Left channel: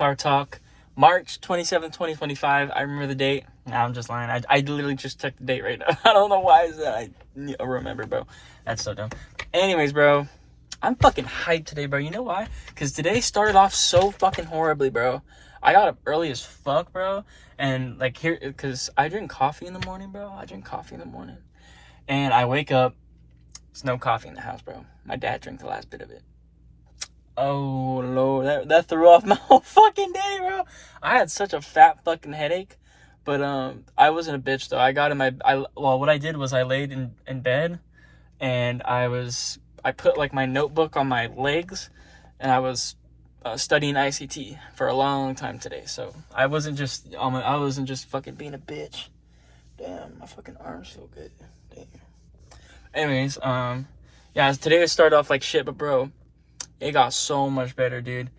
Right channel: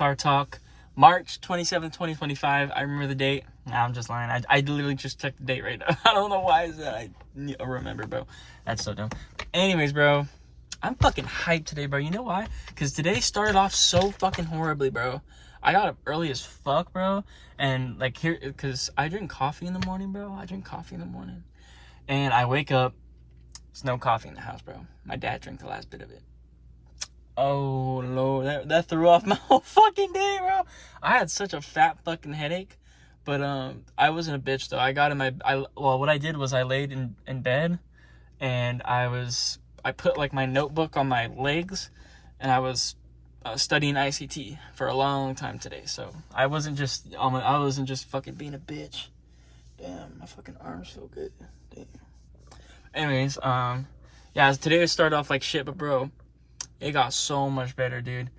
Car Talk, March 27, 2025. I remember the date. Nah, I'm just lying. I literally just checked the date right now. I don't know why is that. I remember, bro. That's so dumb. Anyways, bro, I'm fucking hyped today, bro. You know why? Because today started off so fucking horribly, bro. I got up early as fuck, bro. And, like, here, because I drink coffee in the morning, bro. And I wake up. There's no coffee in the house, bro. My dad drank the last bit of it. Oh, Lord. That threw off my whole fucking day, bro. I had such a fat fucking headache. But I wasn't a bitch, though. I got in my... what I did was I laid in bed. And I put, like, my notebook on my legs. And I was studying ICT for a long time today. So I wasn't just fucking being a bitch. Damn, my fucking arms feel good. Damn. Anyways, yeah, today it started off like shit, but bro, it got so much better, dude.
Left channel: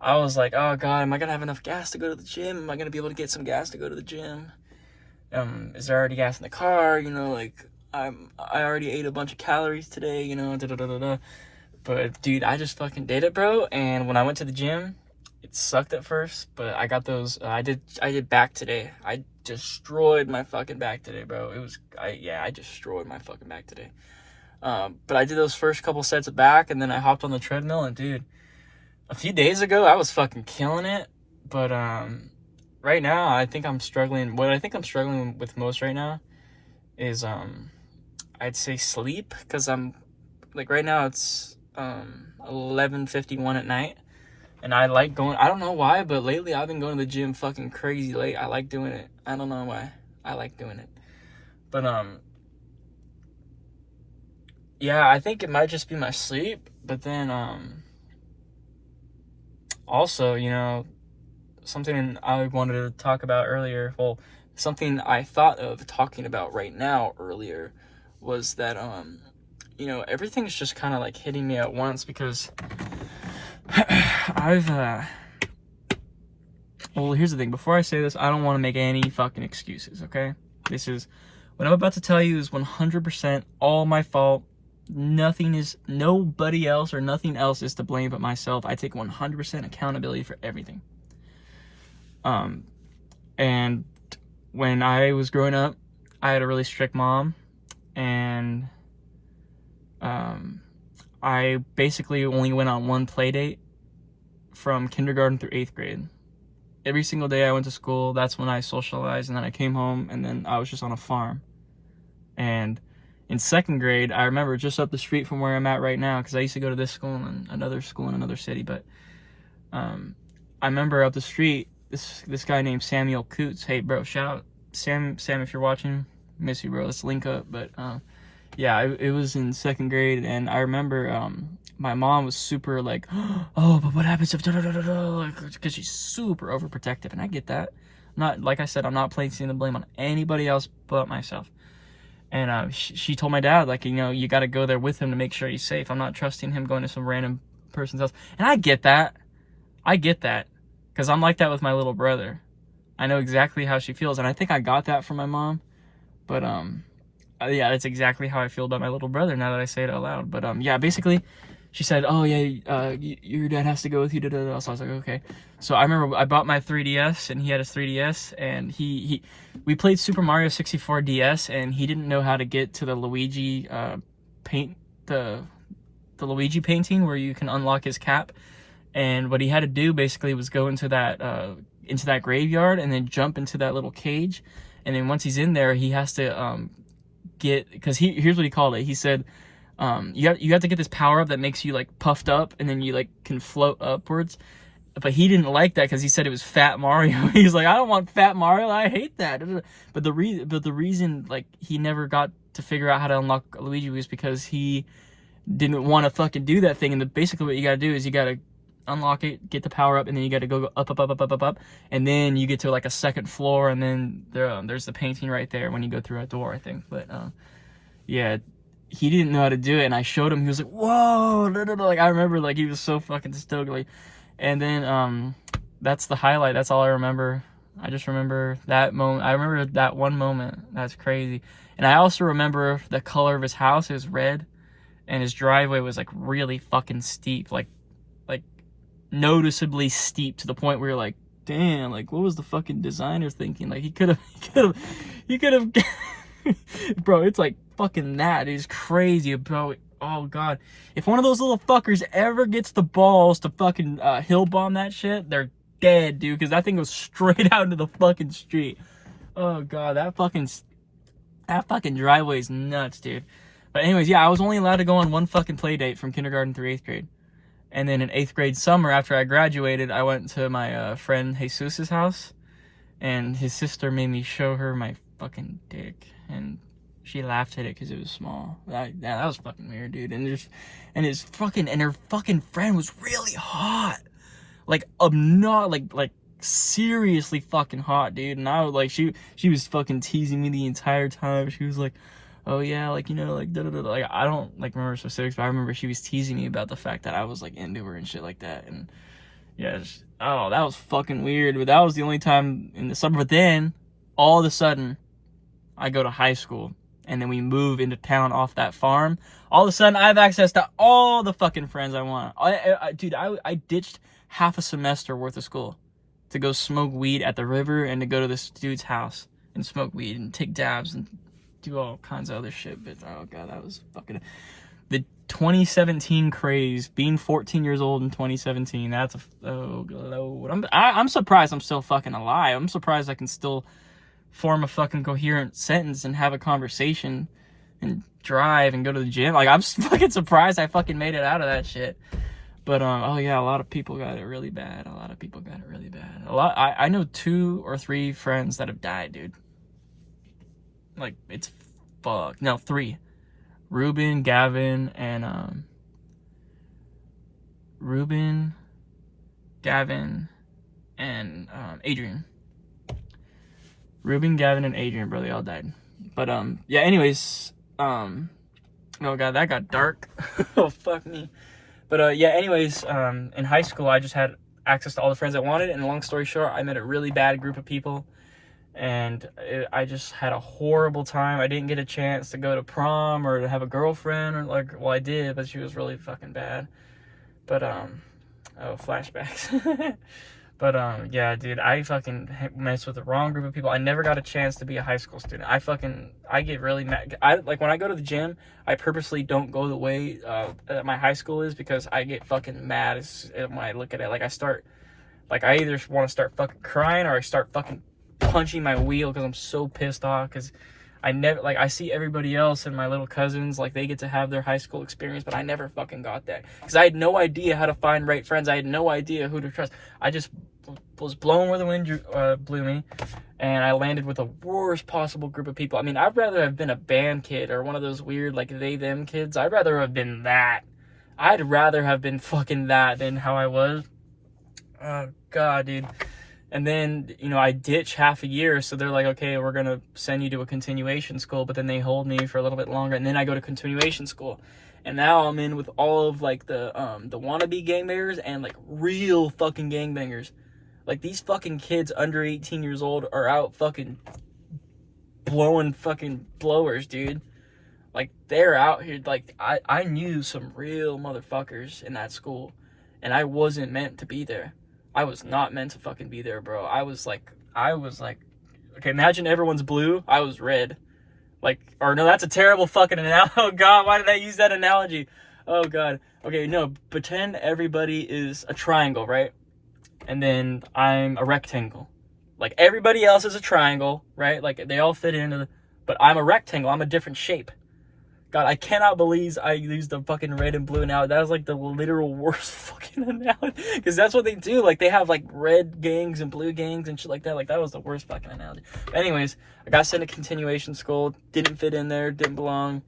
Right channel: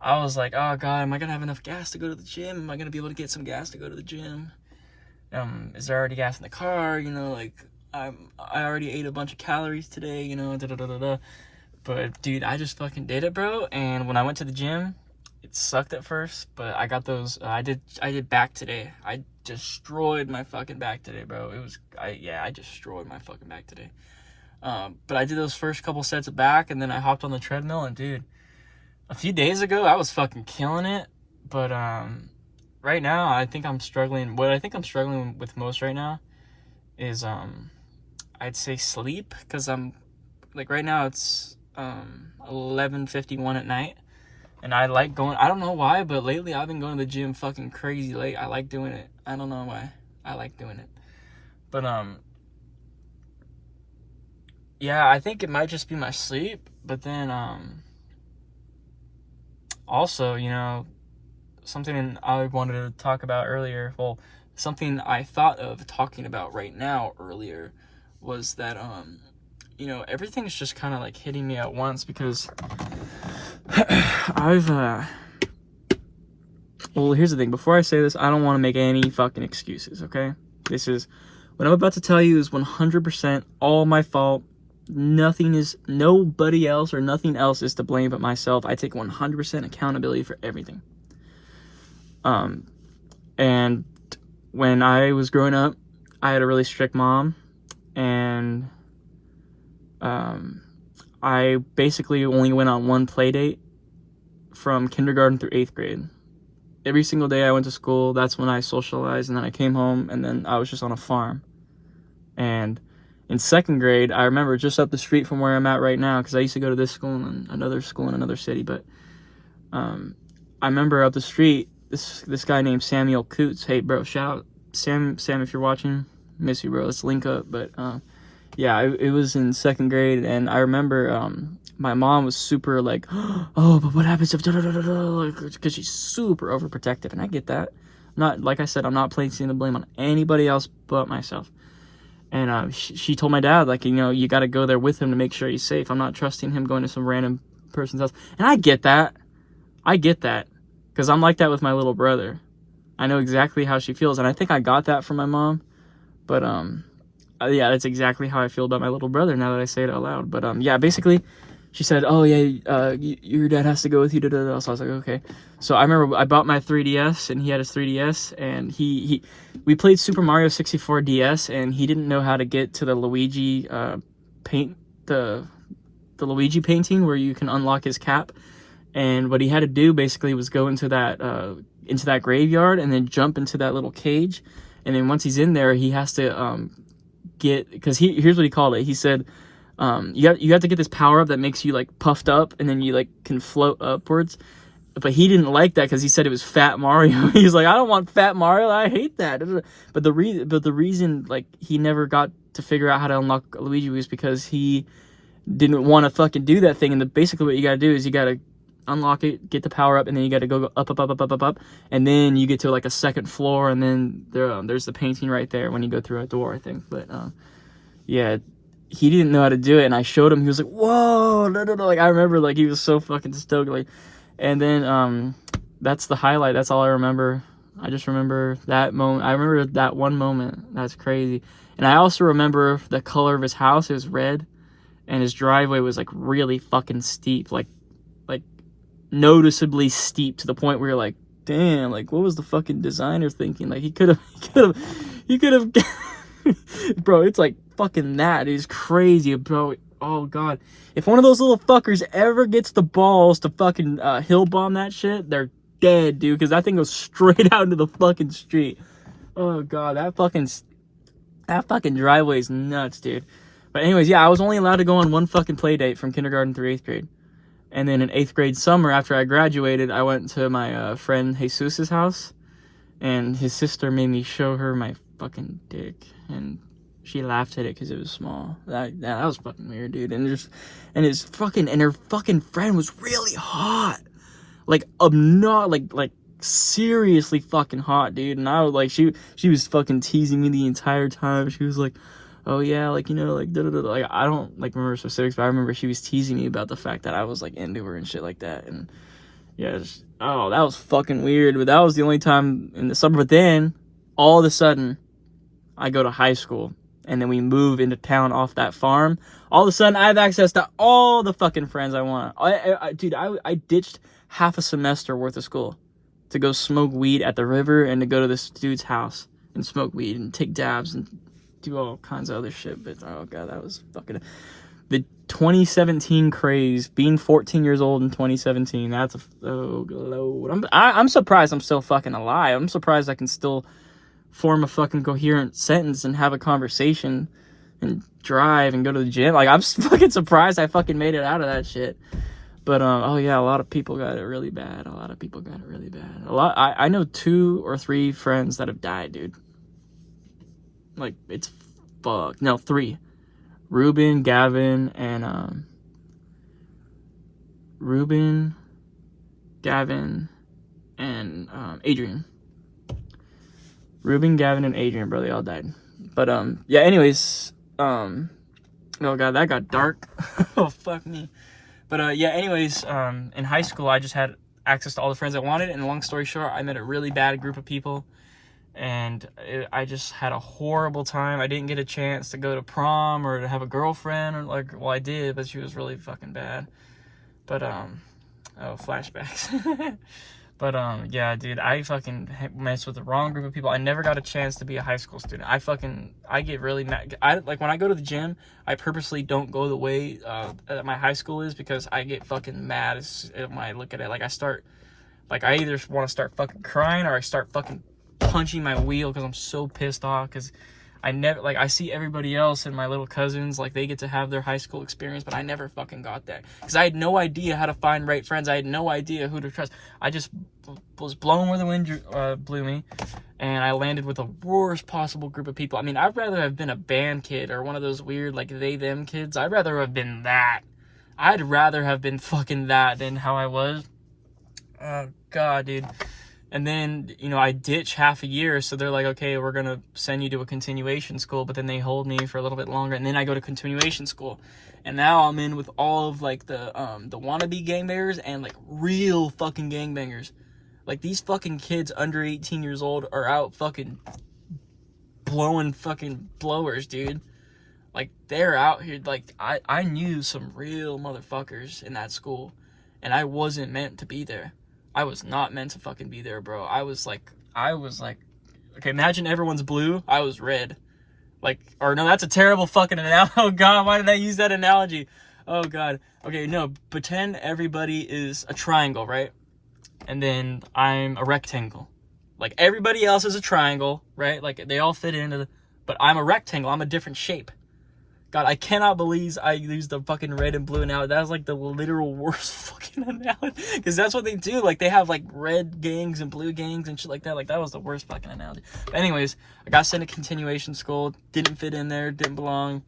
I was like, oh god, am I gonna have enough gas to go to the gym? Am I gonna be able to get some gas to go to the gym? Is there already gas in the car? You know, like, I already ate a bunch of calories today, you know, But, dude, I just fucking did it, bro. And when I went to the gym, it sucked at first, but I got those, I did back today. I destroyed my fucking back today, bro. I destroyed my fucking back today. But I did those first couple sets of back, and then I hopped on the treadmill, and dude, a few days ago, I was fucking killing it. But, right now, I think I'm struggling. What I think I'm struggling with most right now is, I'd say sleep, because I'm, like, right now it's, 11:51 at night. And I like going, I don't know why, but lately I've been going to the gym fucking crazy late. I like doing it. I don't know why. I like doing it. But, yeah, I think it might just be my sleep. But then, also, you know, something I wanted to talk about earlier, well, something I thought of talking about right now earlier was that, you know, everything's just kind of like hitting me at once because well, here's the thing. Before I say this, I don't want to make any fucking excuses, okay? What I'm about to tell you is 100% all my fault. Nobody else or nothing else is to blame but myself. I take 100% accountability for everything. And when I was growing up, I had a really strict mom, and I basically only went on one play date from kindergarten through 8th grade. Every single day I went to school, that's when I socialized, and then I came home, and then I was just on a farm. And in 2nd grade, I remember just up the street from where I'm at right now, because I used to go to this school and another school in another city, but I remember up the street, this guy named Samuel Coots. Hey, bro, shout out. Sam, if you're watching, miss you, bro. Let's link up. But yeah, it was in 2nd grade, and I remember my mom was super like, oh, but what happens if because she's super overprotective, and I get that. Like I said, I'm not placing the blame on anybody else but myself. And she told my dad, like, you know, you got to go there with him to make sure he's safe. I'm not trusting him going to some random person's house. And I get that, because I'm like that with my little brother. I know exactly how she feels, and I think I got that from my mom. But yeah, that's exactly how I feel about my little brother now that I say it out loud. But yeah, basically, she said, oh yeah, your dad has to go with you. So I was like, okay. So I remember I bought my 3DS, and he had his 3DS, and we played Super Mario 64 DS, and he didn't know how to get to the Luigi the Luigi painting where you can unlock his cap. And what he had to do basically was go into that graveyard and then jump into that little cage. And then once he's in there, he has to because here's what he called it. He said, you have to get this power up that makes you like puffed up, and then you like can float upwards. But he didn't like that because he said it was Fat Mario. He's like, I don't want Fat Mario. I hate that. But the reason like he never got to figure out how to unlock Luigi was because he didn't want to fucking do that thing. And basically what you got to do is you got to unlock it, get the power up, and then you got to go up, and then you get to like a 2nd floor, and then there's the painting right there when you go through a door, I think. But yeah, he didn't know how to do it, and I showed him. He was like, whoa, no, like I remember, like he was so fucking stoked, like. And then that's the highlight. That's all I remember. I just remember that moment. I remember that one moment. That's crazy. And I also remember the color of his house. It was red, and his driveway was like really fucking steep, like noticeably steep to the point where you're like, damn, like what was the fucking designer thinking? Like he could have bro, it's like fucking that is crazy, bro. Oh god, if one of those little fuckers ever gets the balls to fucking hill bomb that shit, they're dead, dude, because that thing goes straight out into the fucking street. Oh god, that fucking driveway is nuts, dude. But anyways, yeah, I was only allowed to go on one fucking play date from kindergarten through 8th grade. And then in 8th grade summer, after I graduated, I went to my friend Jesus's house, and his sister made me show her my fucking dick, and she laughed at it because it was small. That was fucking weird, dude. And her fucking friend was really hot, like not like seriously fucking hot, dude. And I was like, she was fucking teasing me the entire time. She was like, oh yeah, like, you know, like da-da-da. Like I don't like remember specifics, but I remember she was teasing me about the fact that I was like into her and shit like that. And yeah, that was fucking weird. But that was the only time in the summer. But then all of a sudden I go to high school, and then we move into town off that farm. All of a sudden I have access to all the fucking friends I want. Dude, I ditched half a semester worth of school to go smoke weed at the river and to go to this dude's house and smoke weed and take dabs and do all kinds of other shit. But oh god, that was fucking the 2017 craze. Being 14 years old in 2017, that's I'm surprised I'm still fucking alive. I'm surprised I can still form a fucking coherent sentence and have a conversation and drive and go to the gym. Like I'm fucking surprised I fucking made it out of that shit. But oh yeah, a lot of people got it really bad. I know 2 or 3 friends that have died, dude. Like it's fucked. No, 3. Ruben, Gavin, and Adrian. Ruben, Gavin, and Adrian, bro, they all died. But yeah, anyways, oh god, that got dark. Oh fuck me. But yeah, anyways, in high school I just had access to all the friends I wanted, and long story short, I met a really bad group of people, and I just had a horrible time. I didn't get a chance to go to prom or to have a girlfriend, or like, well, I did, but she was really fucking bad. But oh, flashbacks. But yeah, dude, I fucking messed with the wrong group of people. I never got a chance to be a high school student. I get really mad. Like when I go to the gym, I purposely don't go the way that my high school is, because I get fucking mad when I look at it. Like I either want to start fucking crying, or I start fucking punching my wheel because I'm so pissed off, because I see everybody else and my little cousins, like they get to have their high school experience, but I never fucking got that, because I had no idea how to find right friends. I had no idea who to trust. I just was blown where the wind blew me, and I landed with the worst possible group of people. I mean, I'd rather have been a band kid or one of those weird like they them kids. I'd rather have been that. I'd rather have been fucking that than how I was. Oh god, dude. And then, you know, I ditch half a year, so they're like, okay, we're going to send you to a continuation school, but then they hold me for a little bit longer, and then I go to continuation school. And now I'm in with all of, like, the wannabe gangbangers and, like, real fucking gangbangers. Like, these fucking kids under 18 years old are out fucking blowing fucking blowers, dude. Like, they're out here, like, I knew some real motherfuckers in that school, and I wasn't meant to be there. I was not meant to fucking be there, bro. I was like, okay, imagine everyone's blue. I was red. Like, or no, that's a terrible fucking analogy. Oh god, why did I use that analogy? Oh god. Okay, no, pretend everybody is a triangle, right? And then I'm a rectangle. Like, everybody else is a triangle, right? Like, they all fit into but I'm a rectangle. I'm a different shape. God, I cannot believe I used the fucking red and blue analogy. That was like the literal worst fucking analogy. Because that's what they do. Like, they have like red gangs and blue gangs and shit like that. Like, that was the worst fucking analogy. But anyways, I got sent to continuation school. Didn't fit in there. Didn't belong.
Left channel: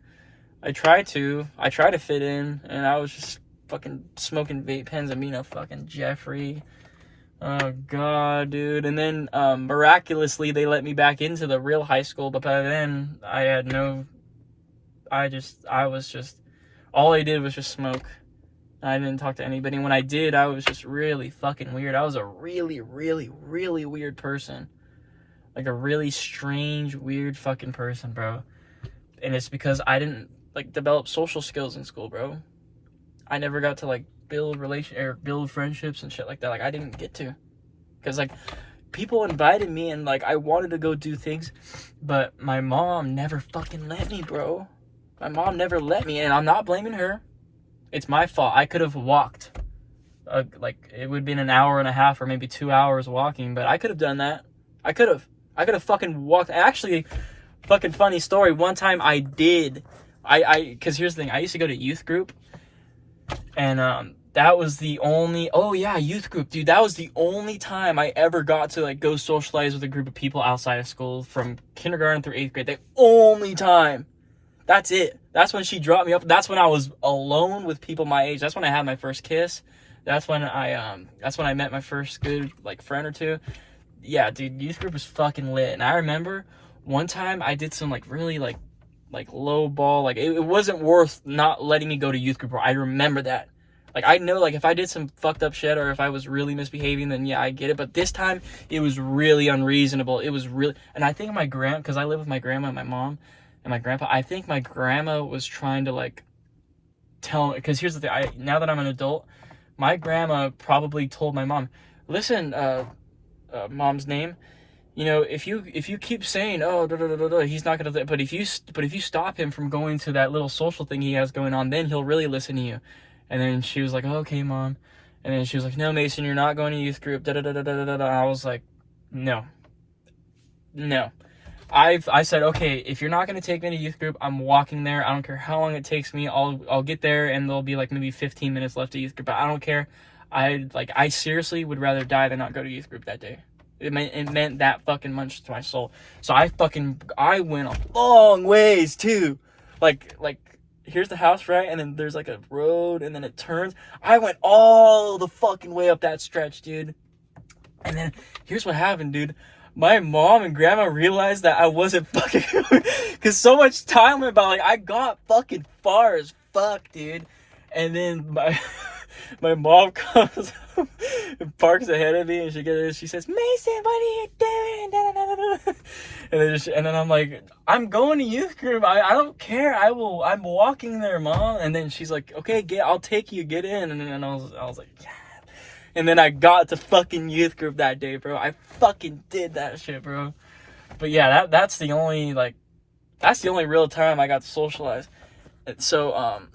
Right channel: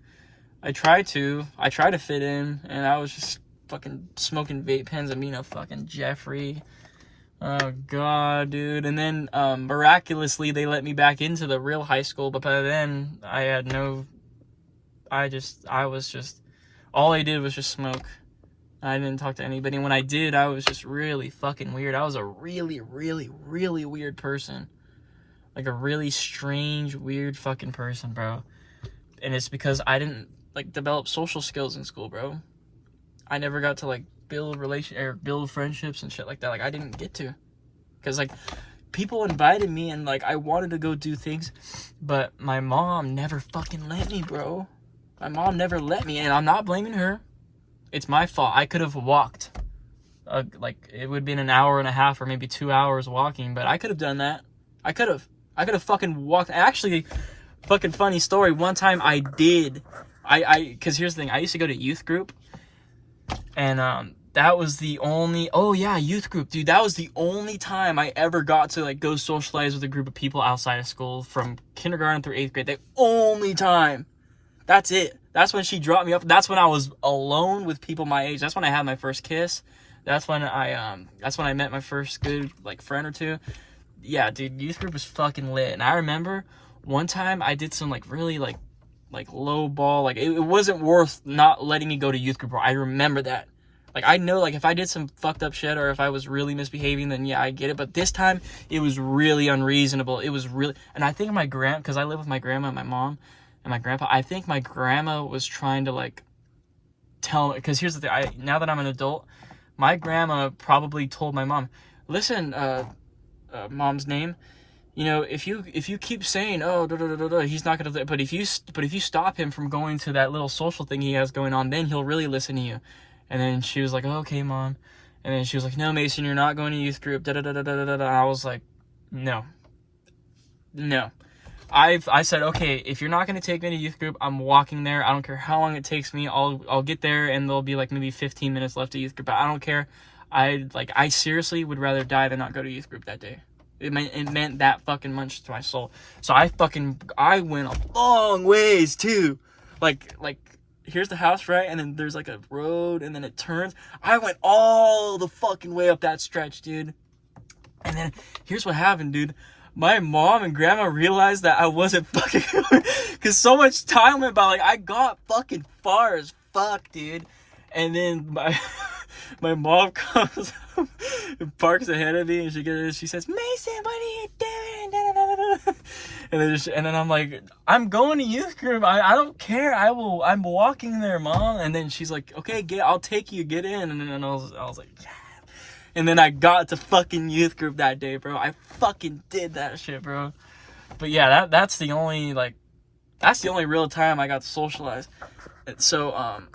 I tried to fit in. And I was just fucking smoking vape pens and being a fucking Jeffrey. Oh god, dude. And then miraculously they let me back into the real high school. But by then I was just, all I did was just smoke. I didn't talk to anybody. When I did, I was just really fucking weird. I was a really, really, really weird person. Like a really strange, weird fucking person, bro. And it's because I didn't, like, develop social skills in school, bro. I never got to, like, build build friendships and shit like that. Like, I didn't get to, because like people invited me and like I wanted to go do things, but my mom never fucking let me, bro. My mom never let me, and I'm not blaming her. It's my fault. I could have walked. Like, it would have been an hour and a half or maybe 2 hours walking, but I could have done that. I could have fucking walked. Actually, fucking funny story. One time I did. Because here's the thing. I used to go to youth group, and that was the only. Oh yeah, youth group, dude. That was the only time I ever got to like go socialize with a group of people outside of school from kindergarten through 8th grade. The only time. That's it. That's when she dropped me up. That's when I was alone with people my age. That's when I had my first kiss. That's when I met my first good like friend or two. Yeah, dude, youth group was fucking lit. And I remember one time I did some like really like low ball. Like it wasn't worth not letting me go to youth group. I remember that. Like, I know, like, if I did some fucked up shit or if I was really misbehaving, then yeah, I get it. But this time, it was really unreasonable. It was really, and I think because I live with my grandma and my mom and my grandpa, I think my grandma was trying to, like, tell me, because here's the thing, now that I'm an adult, my grandma probably told my mom, listen, mom's name, you know, if you keep saying, oh, he's not gonna, but if you stop him from going to that little social thing he has going on, then he'll really listen to you. And then she was like, oh, okay, mom. And then she was like, no, Mason, you're not going to youth group. I was like, no. I said, okay, if you're not going to take me to youth group, I'm walking there. I don't care how long it takes me. I'll get there and there'll be like maybe 15 minutes left of youth group. But I don't care. I seriously would rather die than not go to youth group that day. It meant that fucking much to my soul. So I went a long ways too. Like, here's the house, right? And then there's like a road and then it turns. I went all the fucking way up that stretch, dude. And then here's what happened, dude. My mom and grandma realized that I wasn't fucking because so much time went by. Like, I got fucking far as fuck, dude. And then my mom comes up and parks ahead of me, and she says, Mason, what are you doing? And then I'm like, I'm going to youth group. I don't care. I'm walking there, mom. And then she's like, okay, I'll take you. Get in. And then I was like, yeah. And then I got to fucking youth group that day, bro. I fucking did that shit, bro. But yeah, that's the only real time I got to socialize. And so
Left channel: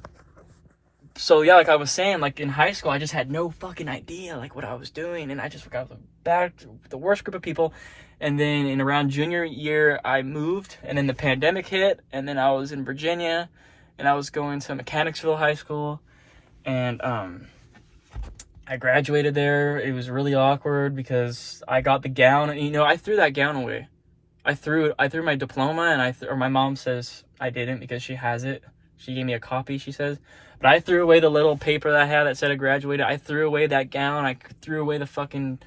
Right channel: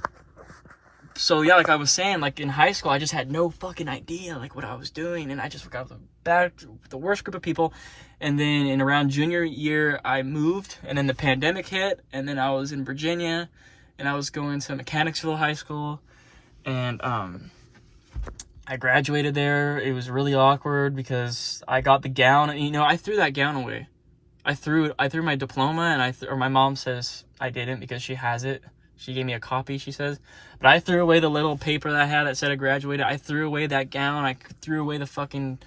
yeah, like I was saying, like in high school, I just had no fucking idea like what I was doing, and I just got the worst group of people. And then in around junior year, I moved, and then the pandemic hit, and then I was in Virginia, and I was going to Mechanicsville High School, and I graduated there. It was really awkward because I got the gown, and you know, I threw that gown away. I threw my diploma, and or my mom says I didn't because she has it. She gave me a copy, she says. But I threw away the little paper that I had that said I graduated. I threw away that gown. I threw away the fucking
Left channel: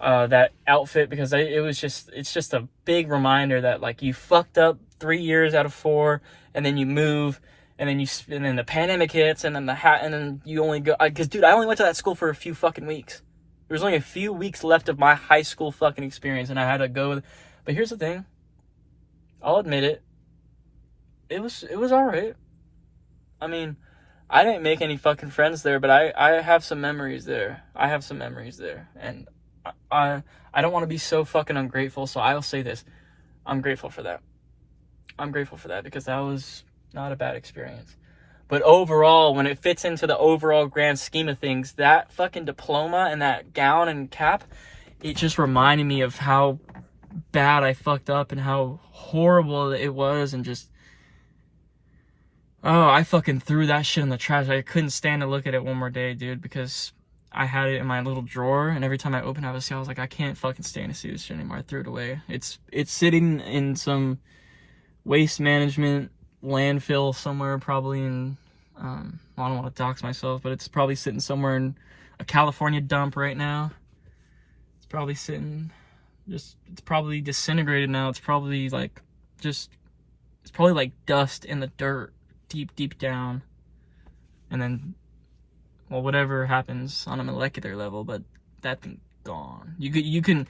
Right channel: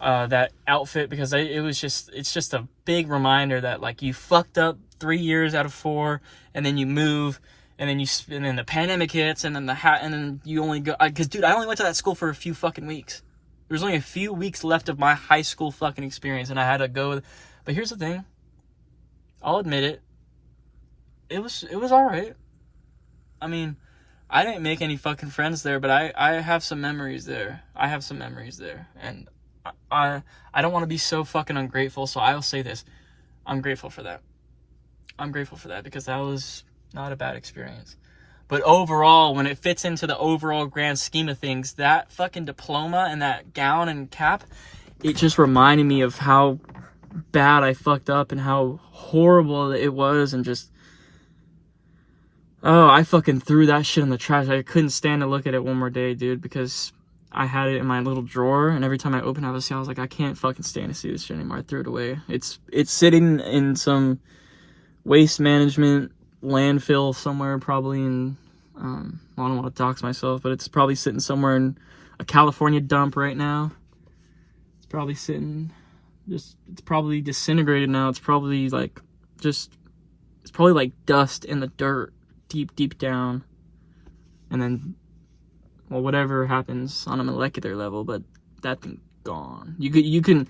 that outfit because it's just a big reminder that like you fucked up 3 years out of 4, and then you move, and then the pandemic hits, and then and then you only go, because dude, I only went to that school for a few fucking weeks. There was only a few weeks left of my high school fucking experience, and I had to go. But here's the thing, I'll admit it. It was all right. I mean, I didn't make any fucking friends there, but I have some memories there. And I don't want to be so fucking ungrateful, so I'll say this. I'm grateful for that because that was not a bad experience. But overall, when it fits into the overall grand scheme of things, that fucking diploma and that gown and cap, it just reminded me of how bad I fucked up and how horrible it was, and just, oh, I fucking threw that shit in the trash. I couldn't stand to look at it one more day, dude, because I had it in my little drawer, and every time I opened it, I was like, I can't fucking stand to see this shit anymore. I threw it away. It's sitting in some waste management landfill somewhere, probably in, I don't want to dox myself, but it's probably sitting somewhere in a California dump right now. It's probably it's probably disintegrated now. It's probably like dust in the dirt, deep down. And then, well, whatever happens on a molecular level, but that thing's gone. You can,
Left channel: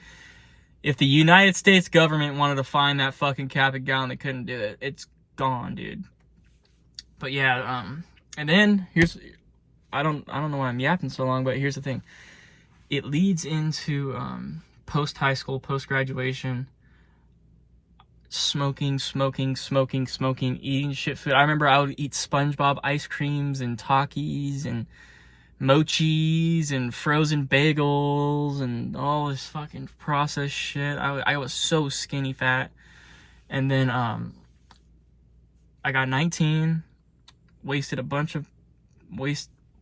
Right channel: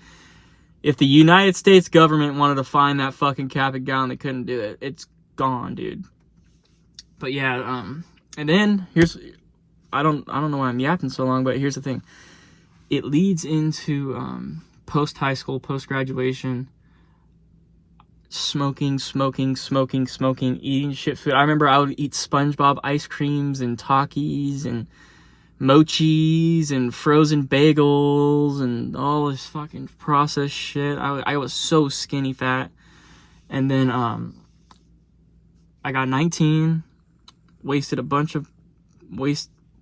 if the United States government wanted to find that fucking cap and gown, they couldn't do it. It's gone, dude. But yeah, and then I don't know why I'm yapping so long, but here's the thing. It leads into post high school, post graduation, smoking, eating shit food. I remember I would eat SpongeBob ice creams and Takis and mochis and frozen bagels and all this fucking processed shit. I was so skinny fat. And then I got 19, wasted a bunch of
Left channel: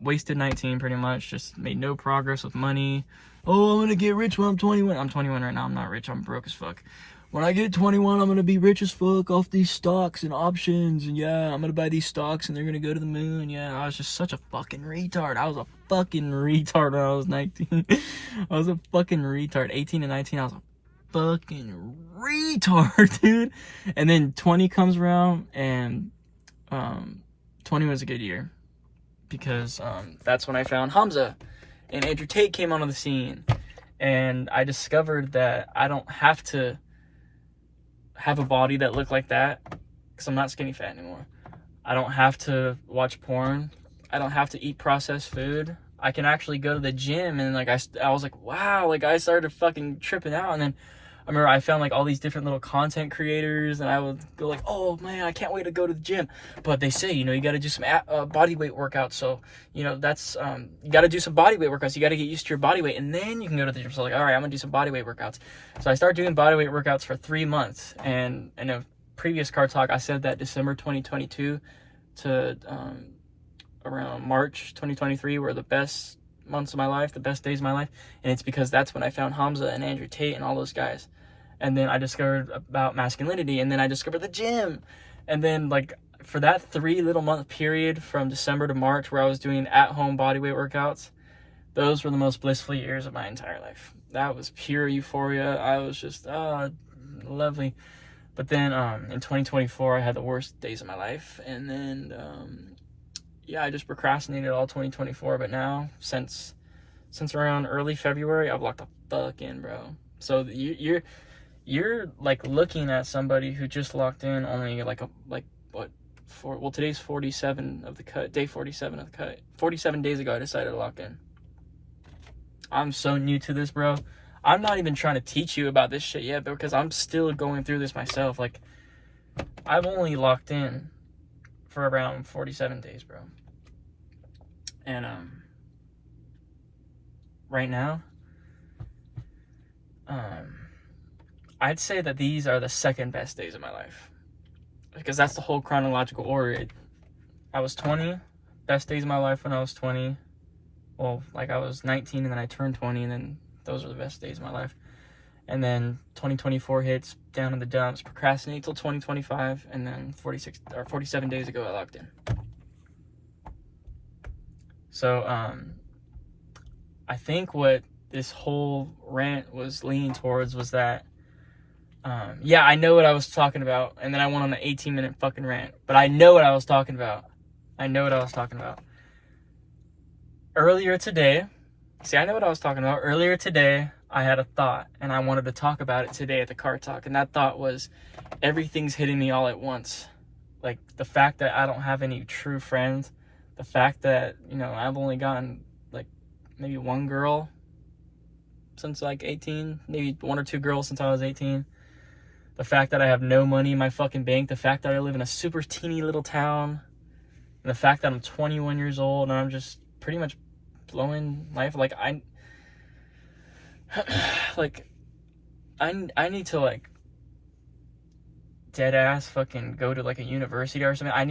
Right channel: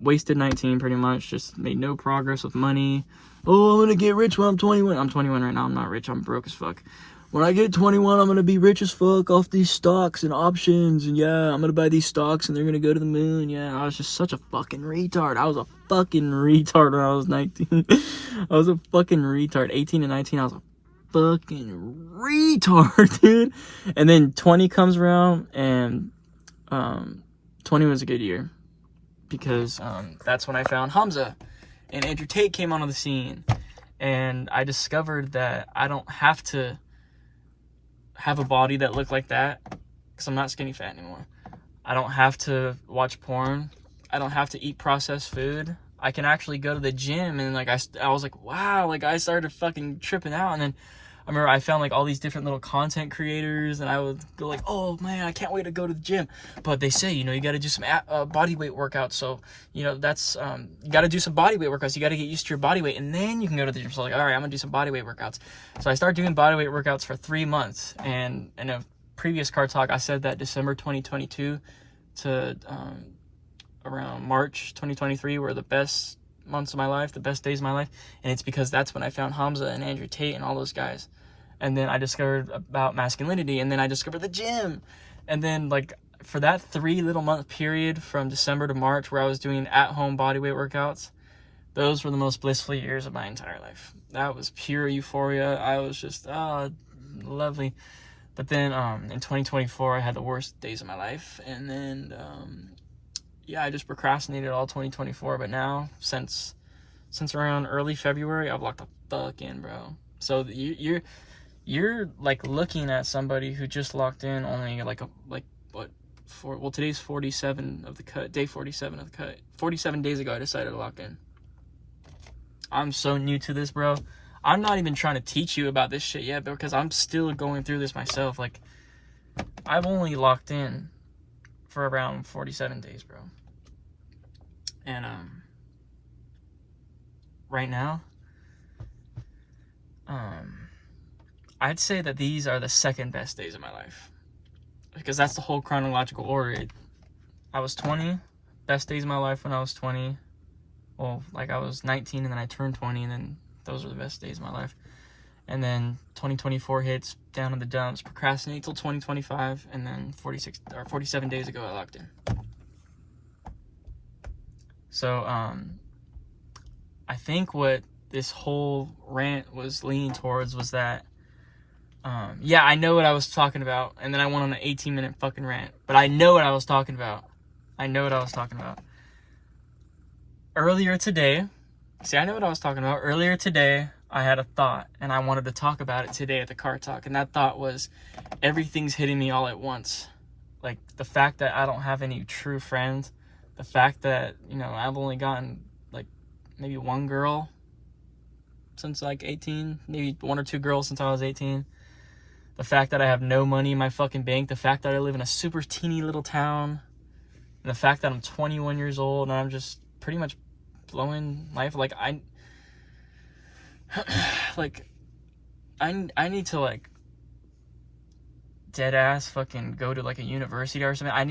wasted 19 pretty much, just made no progress with money. Oh, I'm gonna get rich when I'm 21. I'm 21 right now. I'm not rich. I'm broke as fuck. When I get 21, I'm gonna be rich as fuck off these stocks and options, and yeah, I'm gonna buy these stocks and they're gonna go to the moon. Yeah, I was just such a fucking retard. I was a fucking retard when I was 19. I was a fucking retard. 18 and 19, I was a fucking retard, dude. And then 20 comes around, and 20 was a good year because that's when I found Hamza, and Andrew Tate came onto the scene, and I discovered that I don't have to have a body that looked like that because I'm not skinny fat anymore. I don't have to watch porn. I don't have to eat processed food. I can actually go to the gym, and like I was like, wow, like I started fucking tripping out. And then I remember I found like all these different little content creators, and I would go like, oh man, I can't wait to go to the gym. But they say, you know, you got to do some body weight workouts. So, you know, that's, you got to do some body weight workouts. You got to get used to your body weight, and then you can go to the gym. So like, all right, I'm gonna do some body weight workouts. So I started doing body weight workouts for 3 months. And in a previous Car Talk, I said that December 2022 to around March 2023 were the best months of my life, the best days of my life. And it's because that's when I found Hamza and Andrew Tate and all those guys. And then I discovered about masculinity, and then I discovered the gym. And then like for that 3 little month period from December to March where I was doing at-home bodyweight workouts, those were the most blissful years of my entire life. That was pure euphoria. I was just lovely. But then in 2024 I had the worst days of my life, and then yeah, I just procrastinated all 2024. But now since around early February, I've locked the fuck in, bro. So you're like looking at somebody who just locked in only today's 47 of the cut, day 47 of the cut. 47 days ago I decided to lock in. I'm so new to this, bro. I'm not even trying to teach you about this shit yet because I'm still going through this myself. Like, I've only locked in for around 47 days, bro. And right now, I'd say that these are the second best days of my life, because that's the whole chronological order. I was 20, best days of my life when I was 20. Well, like I was 19 and then I turned 20, and then those are the best days of my life. And then 2024 hits, down in the dumps, procrastinate till 2025, and then 47 days ago I locked in. So I think what this whole rant was leaning towards was that yeah, I know what I was talking about, and then I went on an 18-minute fucking rant, but I know what I was talking about. Earlier today, I know what I was talking about. Earlier today, I had a thought, and I wanted to talk about it today at the Car Talk, and that thought was, everything's hitting me all at once. Like, the fact that I don't have any true friends, the fact that, you know, I've only gotten, like, maybe one girl since, like, 18, maybe 1 or 2 girls since I was 18, the fact that I have no money in my fucking bank, the fact that I live in a super teeny little town, and the fact that I'm 21 years old, and I'm just pretty much blowing life. Like, I need to, like, dead ass fucking go to, like, a university or something. I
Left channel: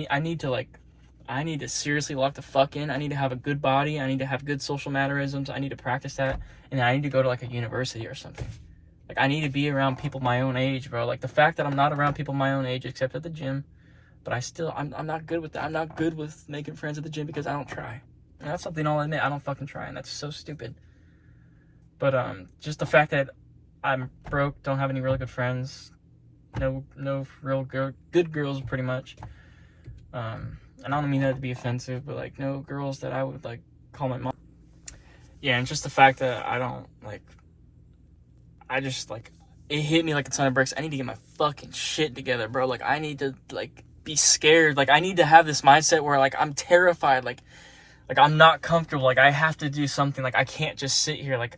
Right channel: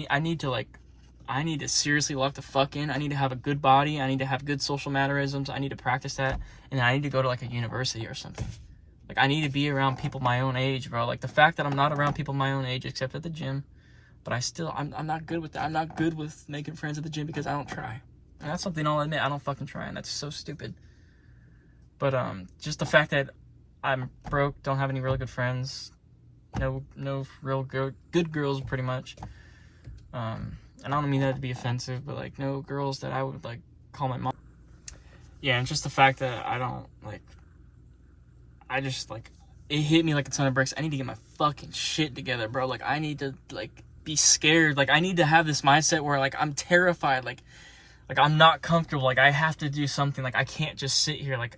need to seriously lock the fuck in. I need to have a good body. I need to have good social mannerisms. I need to practice that. And then I need to go to, like, a university or something. Like, I need to be around people my own age, bro. Like, the fact that I'm not around people my own age except at the gym, but I'm not good with that. I'm not good with making friends at the gym because I don't try. And that's something I'll admit. I don't fucking try, and that's so stupid. But just the fact that I'm broke, don't have any really good friends, no real good girls, pretty much. And I don't mean that to be offensive, but, like, no girls that I would, like, call my mom. Yeah, and just the fact that I don't, like, I just, like, it hit me like a ton of bricks. I need to get my fucking shit together, bro. Like, I need to, like, be scared. Like, I need to have this mindset where, like, I'm terrified. Like Like, I'm not comfortable. Like, I have to do something. Like, I can't just sit here. Like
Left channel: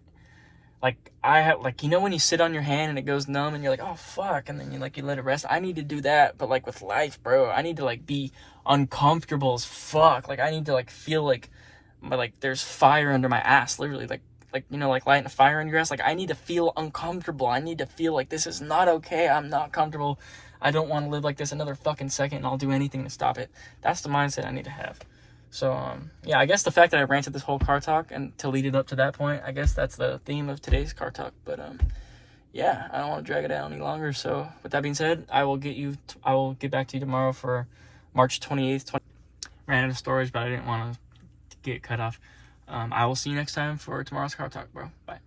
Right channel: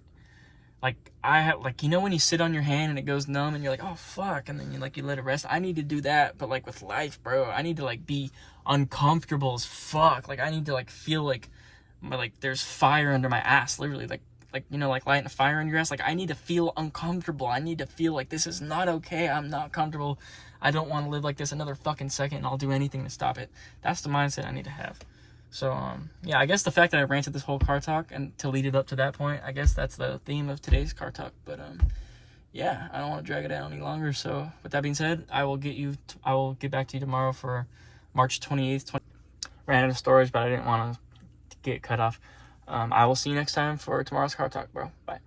I have, like, you know when you sit on your hand and it goes numb and you're like, oh fuck, and then you let it rest. I need to do that, but like with life, bro, I need to like be uncomfortable as fuck. Like, I need to like feel like there's fire under my ass, literally, like you know, like lighting a fire under your ass. Like, I need to feel uncomfortable. I need to feel like this is not okay. I'm not comfortable. I don't want to live like this another fucking second, and I'll do anything to stop it. That's the mindset I need to have. So, yeah, I guess the fact that I ranted this whole car talk and to lead it up to that point, I guess that's the theme of today's car talk. But, yeah, I don't want to drag it out any longer. So, with that being said, I will get back to you tomorrow for March 28th. Ran out of storage, but I didn't want to get cut off. I will see you next time for tomorrow's car talk, bro. Bye.